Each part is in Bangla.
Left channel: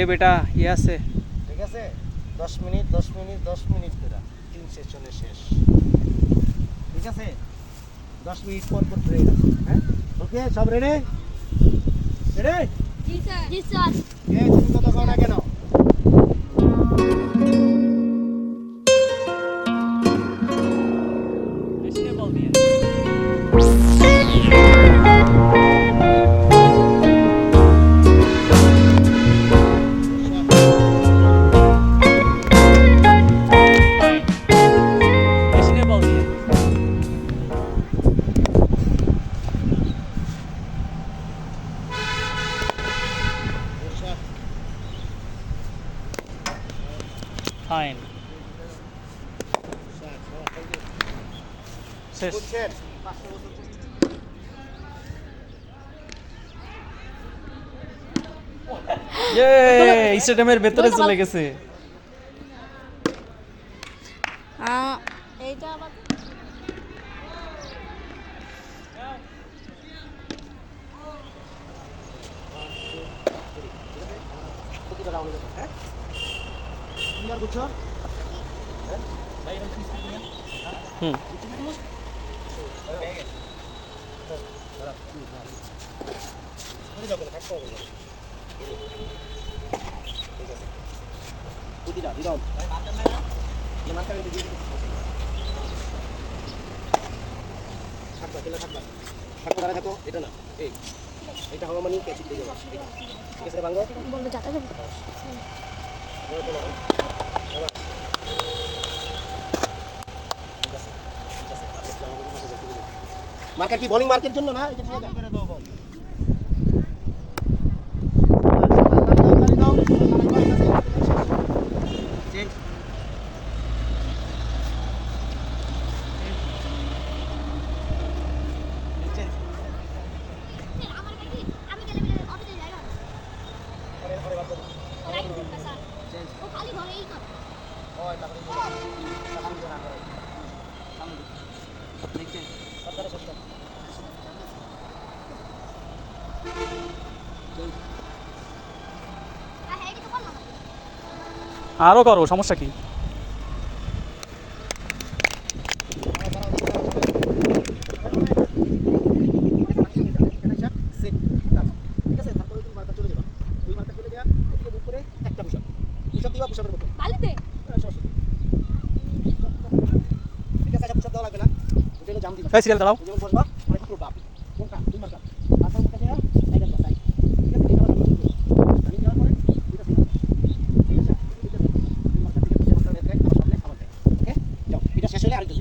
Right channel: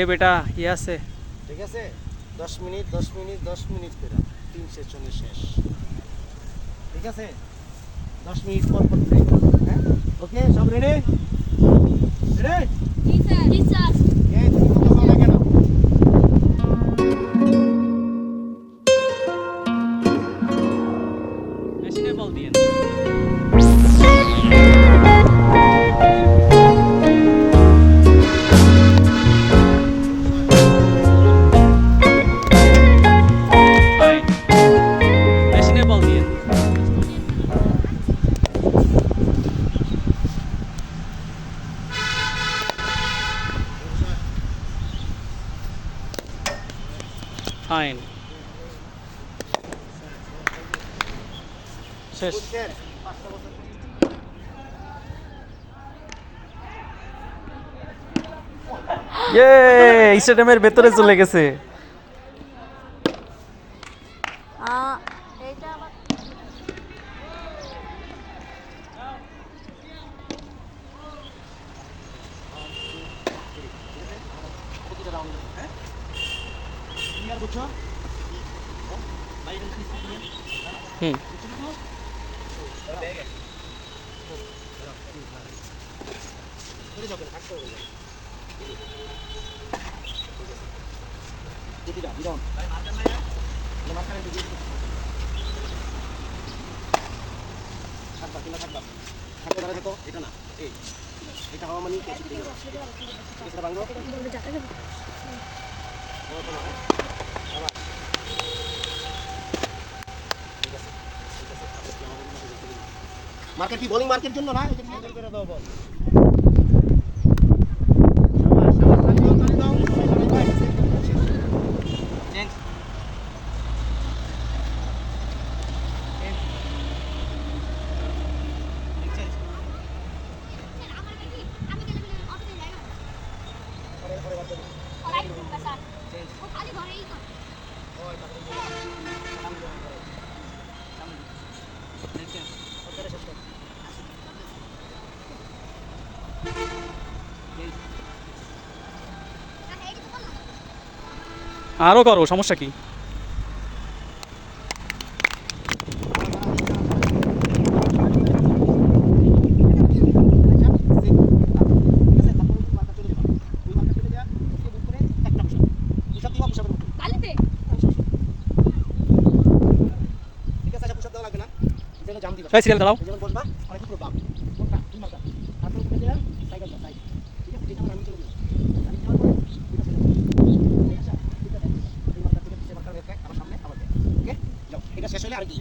এ বেটা কি আছে? ঠিক আছে 10 মিনিট 10 মিনিট 10 মিনিট করে 3 সেশনে শেষ। ঠিক আছে 10 মিনিট পর পর ব্রেক। হ্যাঁ ওকে সব রেডি রেডি জি স্যার জি স্যার তোমরা ভালো লাগে না মেশিনে বল দিয়ে মেশিনে বল দিয়ে ফাইন শেষ। বুঝছেন 5টা বছর স্টেডিয়ামের ভেতরে চলে গেছে। এইটা আবার প্রতিটা রাউন্ড হ্যাঁ ক্লিয়ার বুঝছো হ্যাঁ ভাই এখানে কি নিয়ে হুম এটা হওয়া মানে ঠিক আছে বাংলা বলতে যাতা যাবে মার্কেট কি বোলিং মার্কেট জন্য না এটা নিয়ে করে দাও বল চেঞ্জ আমার নাকি আমি গেলে অটোতে যাই না ওরাই কিন্তু স্যার ও খালি ঘরেই করে হ্যাঁ কিছু বল না আরো করো, সমস্যা কি? বালিতে এই সিরিয়াল দাঁড়াও। এটা শেষ হলে আরেকটু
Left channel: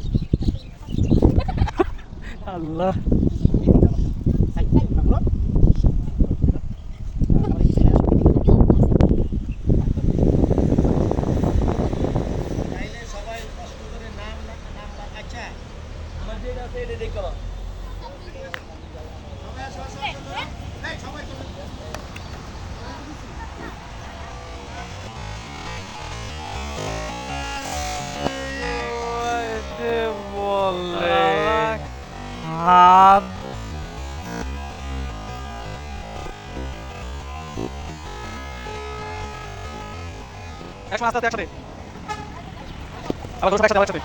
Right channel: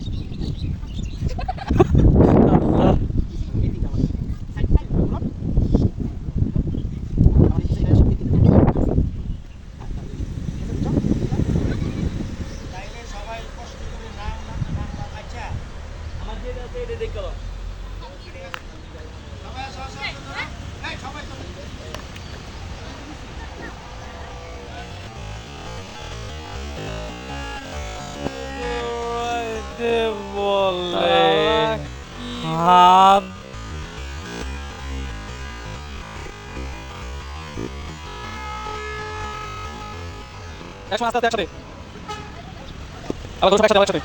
আল্লাহ বলে হাত একসাথে আস্তে আস্তে একসাথে আবার একসাথে একসাথে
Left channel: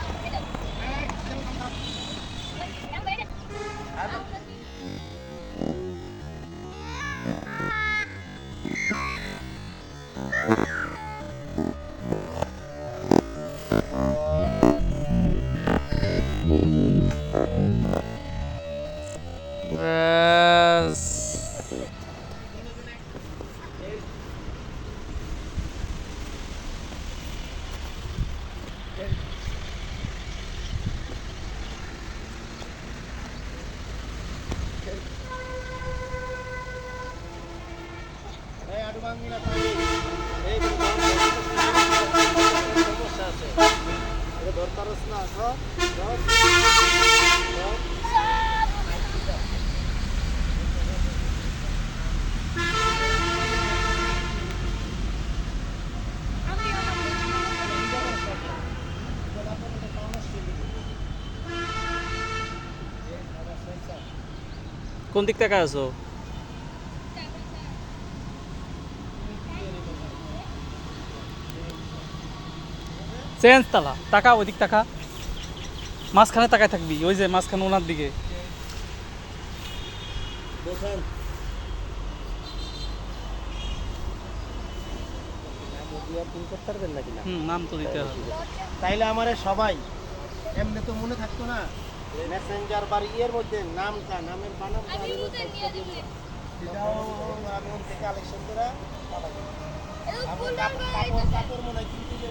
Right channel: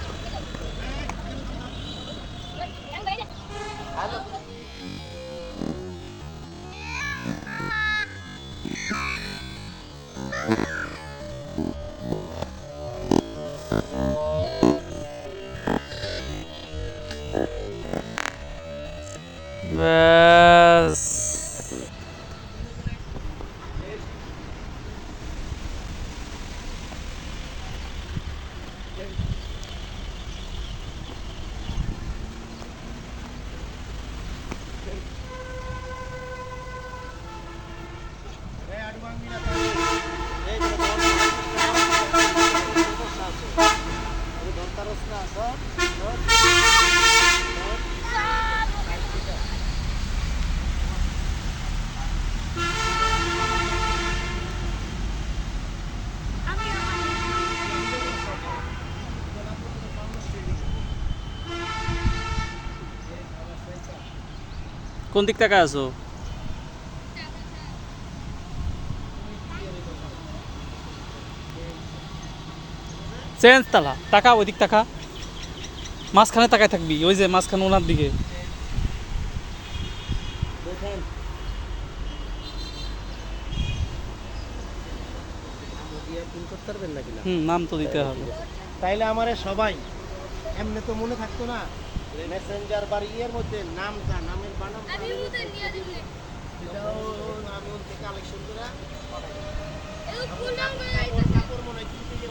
ব্যাস কোন দিক থেকে আসো? চেঞ্জ তালা টাকা ওইদিক টাকা মাঝখানে তাকায় থাকবি ওই যে মাঝখানে ওনার দিকে দেখেন দিয়া পিন করতে পারবেন নাকি না নাম তো দিতে হবে তাইলে আমারে সবাই এমনি তো মনে থাকতো না মেসেঞ্জার বা ইয়ের মধ্যে নামটা নামের বানাম আমি উঠে নিয়ে দিবি সেটাও আমি ওর থেকে কালেকশন করে এই ফুলটা কাপড় মনে হয় 3 থেকে